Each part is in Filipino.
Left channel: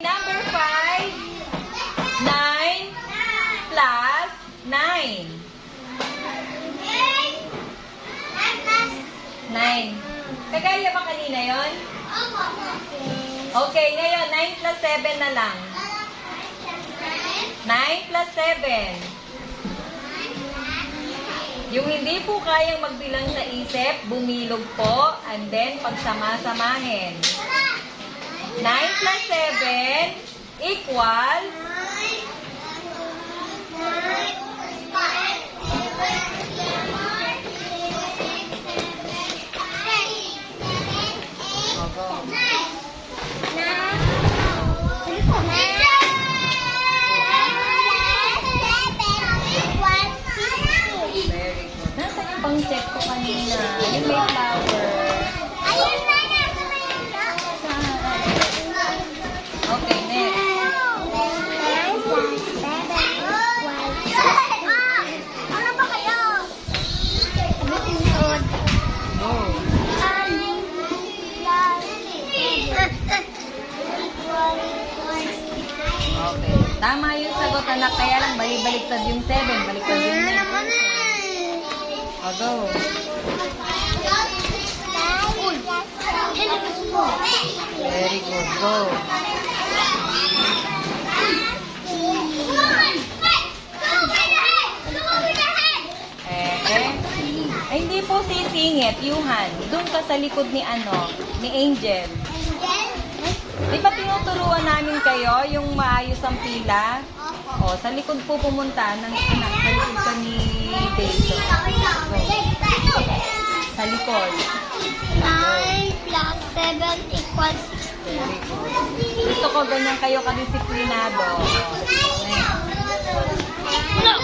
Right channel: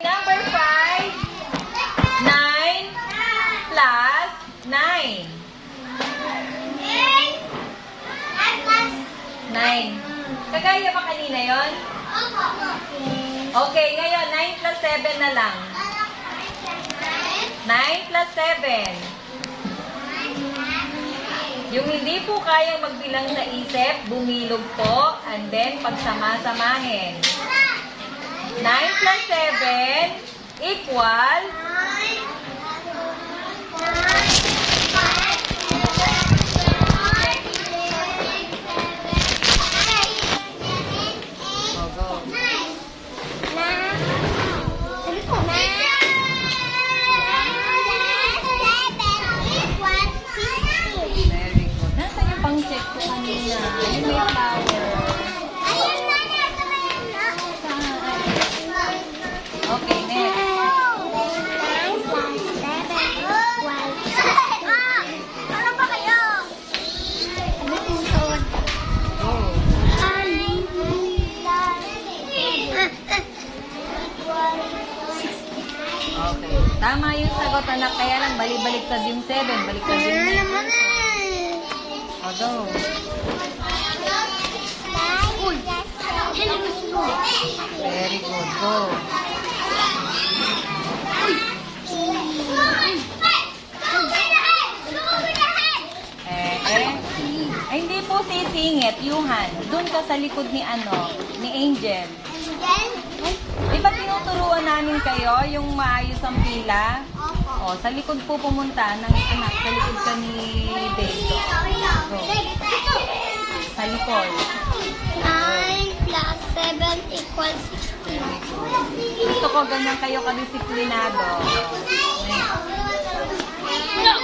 Number 5, 9 plus 9. 9. Kagaya ba kanina yon? Okay, ngayon, 9 plus 7 na lang. 9 plus 7. Yung hindi po kayang magbilang sa isip, bumilog po, and then pagsama-samahin. 9 plus 7 equals 15. Very good. Nasaan yung pang-check ko kanina? Yung may flower. Okay, next. Ano ba kayo? Ano tingkod? Go. Okay. Tama yung sagot, anak. Kaya lang, balik-baliktad yung 7. Baliktad yung 9. O, go. Very good. Go. Ay, hindi po sisingit, Yuhan. Doon ka sa likod ni ni Angel. Di ba tinuturuan namin kayo yung maayos ang pila? O, sa likod po pumunta ng anak. Sa likod ka ni Dave. Go. Sa likod. 9 plus 7 equals 16. Gusto ko ganyan kayo kadisiplinado. No!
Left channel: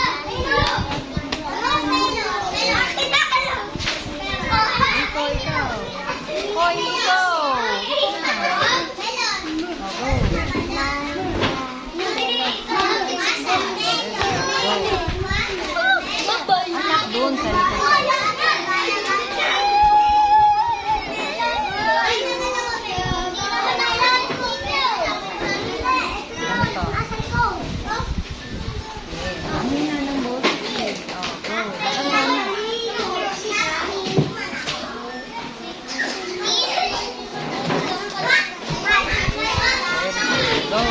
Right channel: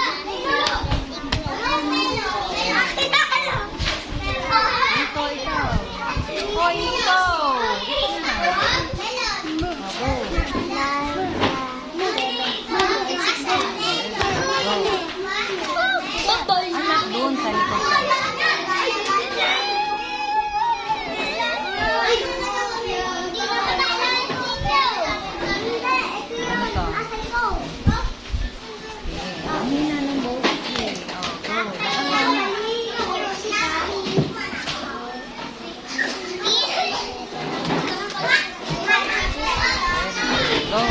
Ikaw. Hoy, ikaw. Ikaw na. O, go. Anak doon sa likod kayo. Ano to? Ano na ng boses eh. O, go. Lakas na. Go.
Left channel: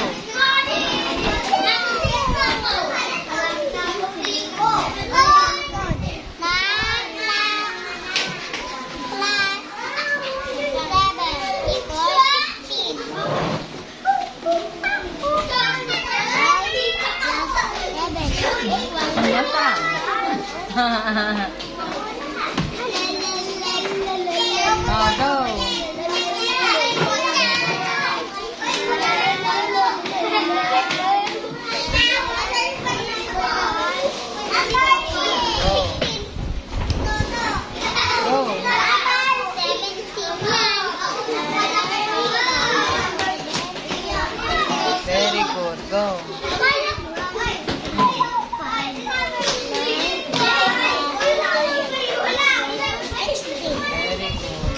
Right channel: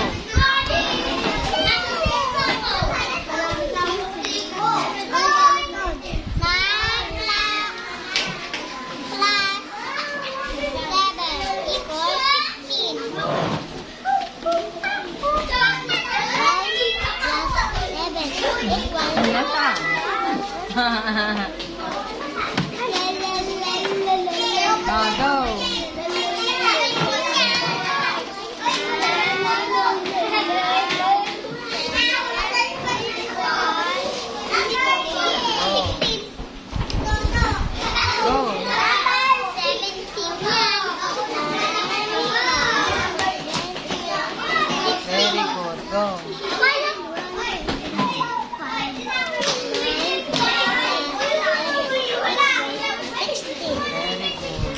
Nasaan? Oh, go. Go. Very good. Go. Very good.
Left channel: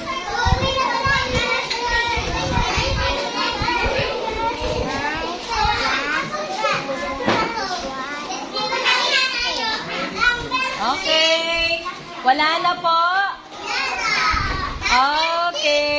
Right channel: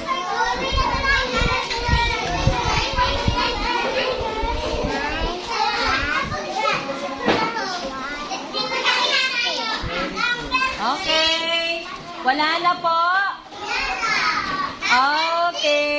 Okay. Wala na po. Okay.